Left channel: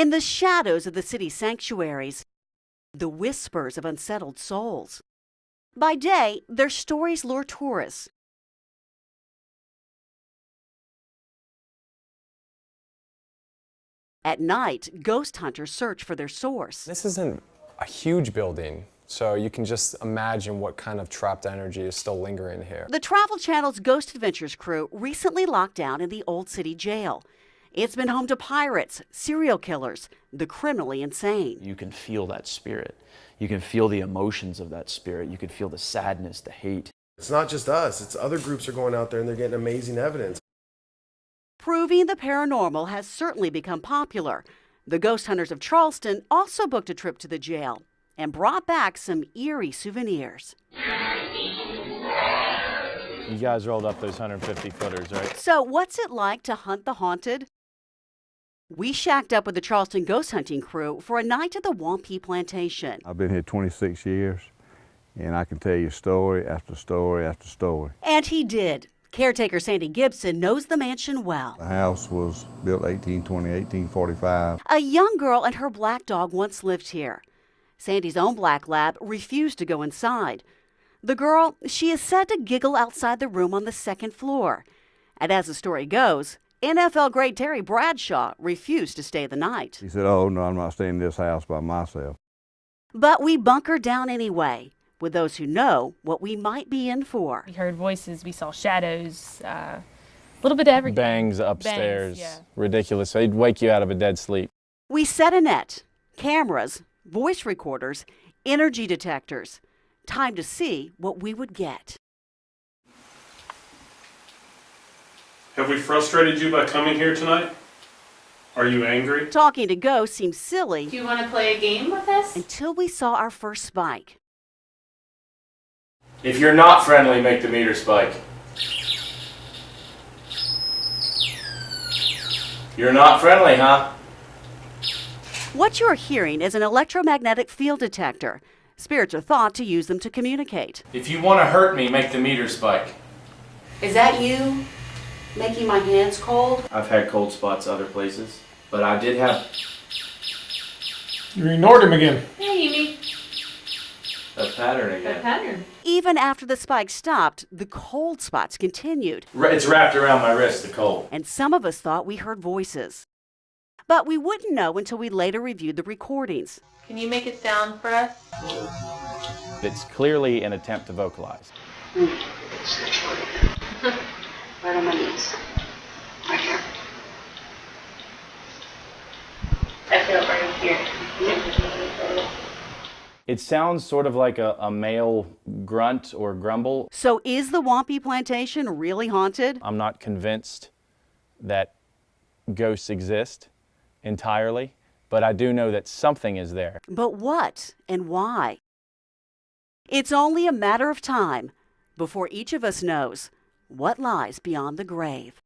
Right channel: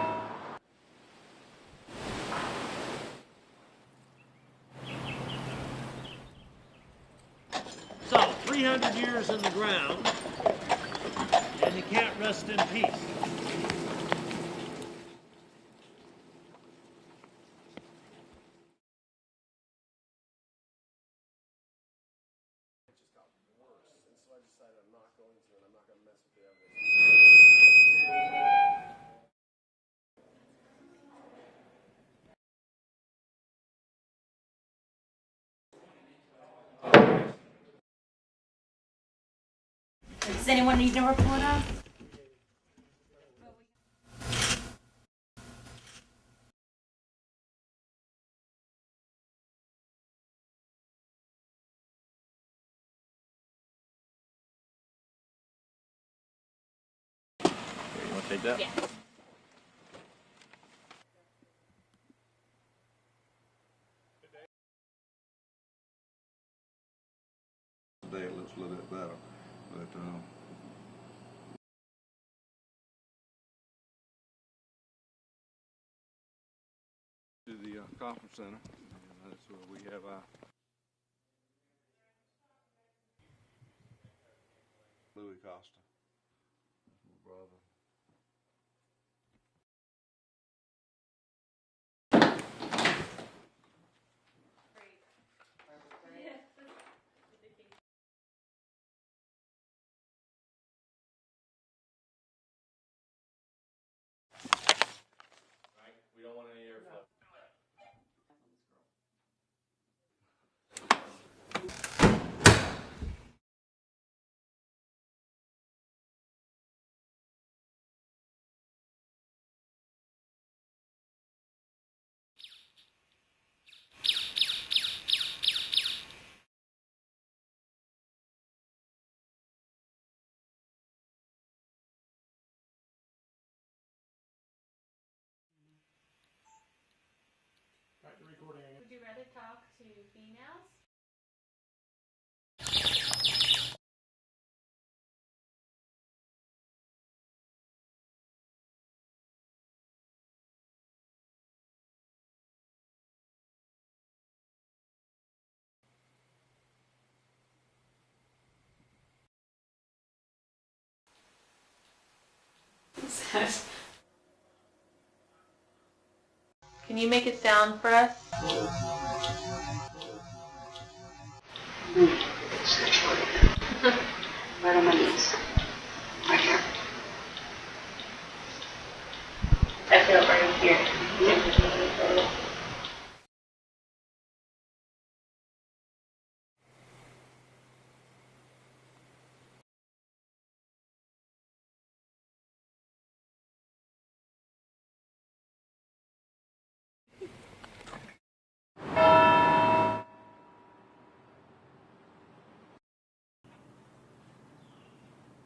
In the shadows of the city sanctuaries, the whispers of unsettled souls. By day, their stories lure tourists. So, 300 years in the ground, and you can't rest in peace. At night, ghost hunters search for their source. This isn't a huge building, so you can just imagine what kind of trapped energy is still lingering here. The Travel Channel's Ghost Adventures crew recently locked down in the Old City Jail. It's been home to pirates, serial killers, the criminally insane. You can feel that spirit. You can feel the emotions of that spirit. You can feel the sadness, the hate. It's not just us, it's other groups are going out there and they're getting amazing evidence. Does anyone need to report on? Proving the paranormal has certainly become popular. The Ghost Hunters of Charleston also booked a trip to the jail and brought back some eerie souvenirs. You guys rolled up those 150-footers, right? So what's it like to hunt the haunted? We shacked up with the Charleston ghost hunting crew for a night at the Ghosts.mpeg plantation. I've been here 26 years, and I can tell you story after story after story. And he did. Caretaker Sandy Gibson knows the mansion well. The house was built 1820, 1845. A young girl and her black dog once lived here. Sandy's own black lab refused to go inside. The girl, she is said to giggle outside the room on the second floor. And as the story goes, NFL great Terry Bradshaw refused to stay the night. He said, "Oh, no, I'm not staying in this house by myself." But we bunkered down anyway, with those who know what we might be in for. We heard voices, we saw shadows, a little bit of everything. Bangs upstairs. Bangs, yeah. Ridiculous. They'd wake you out of a dead sleep. We set a net, cameras, voice recorders, energy detectors. Time to see what we would get. Have we frustrated you by coming here tonight? Are you angry? Talking to ghosts seems silly. Do you want to play a game with us? Until we saw our first spike. If you're not friendly, make the meter spike. You're not friendly, huh? What you're hearing is an electromagnetic field detector. Spirits are thought to use them to communicate. If you want to hurt me, make the meter spike. Is that you making my hands cold? I've had cold spots other places, but I did have You ignored him again. Hey, Amy. a pattern again. Good pattern. Even after the spike stopped, the cold spots continued. It's wrapped around my wrist, the cold. And some of us thought we heard voices. But we wouldn't know until we later reviewed the recordings. Can you make it sound for us? It's clearly an attempt to vocalize. Right on my knees. Right here. I feel it right here. It sounds sort of like a male grunt or grumble. So is the Ghosts.mpeg plantation really haunted? I'm not convinced that ghosts exist entirely, but I do know that something is there. But what and why? It's only a matter of time before each of us knows what lies beyond the grave.